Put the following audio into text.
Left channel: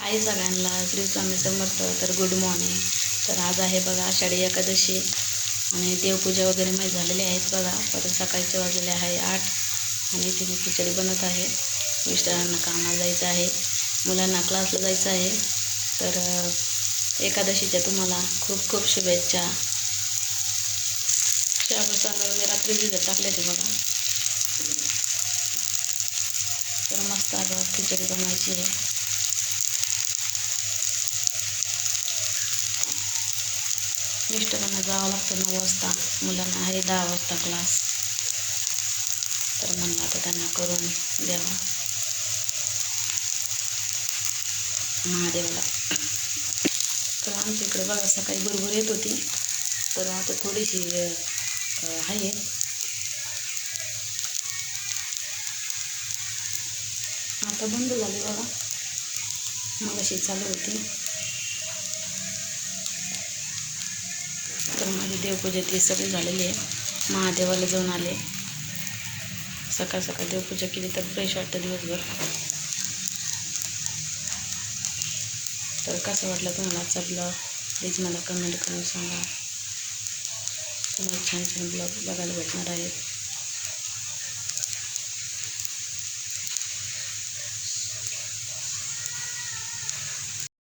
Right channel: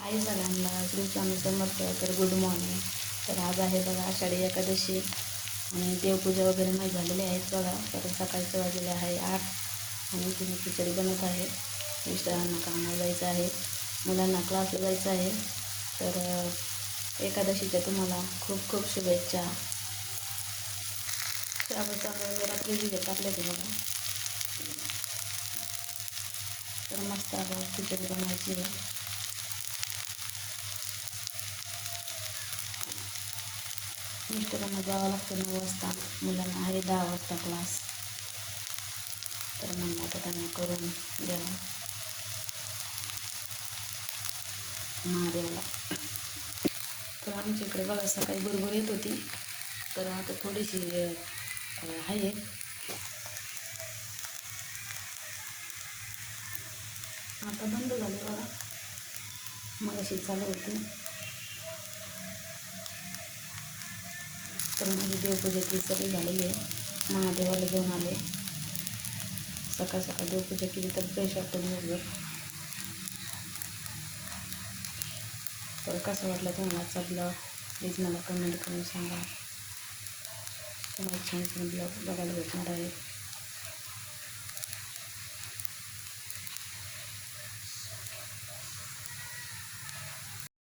हाय सगळ्यांना. श्री स्वामी समर्थ तर good morning तर आज आहे बघा आषाढी एकादशी आणि देवपूजा वगैरे माहीत झालेली आहेत बघा. परत सकाळचे वाजलेले आहे आठ आणि तिथे खिचडी बनत आहे. मिस्टरांना कामाला जायचं आहे. मुलांना क्लासला जायचं आहे. तर एकादशीच्या तुम्हाला खूप खूप शुभेच्छा. त्यापासून मी रात्री भिजत टाकले ते बघा. तर मस्त आता खिचडी बनवायची आहे. मिस्टरांना जावं लागतं नऊ वाजता. मुलांना आहे दहा वाजता क्लास तर म्हणलं आता त्यांना करून द्यावं. महादेवाला. तर आमच्या इकडे बघा सकाळी बरोबर येत होती. तर आता थोडीशी आहे. आता बंद झाली बघा. मग अशी चालू होती. तर देवपूजा ती सगळी झालेली आहे महादेवाला जाऊन आले. सकाळ सकाळ देवपूजा केली तर फ्रेश वाटतं दिवसभर. तर कसं वाटलं तुम्हाला? आजचा ब्लॉग प्लीज मला कमेंट करून सांगा. तुम्हाला छान छान ब्लॉग बघायला भेटणार आहेत.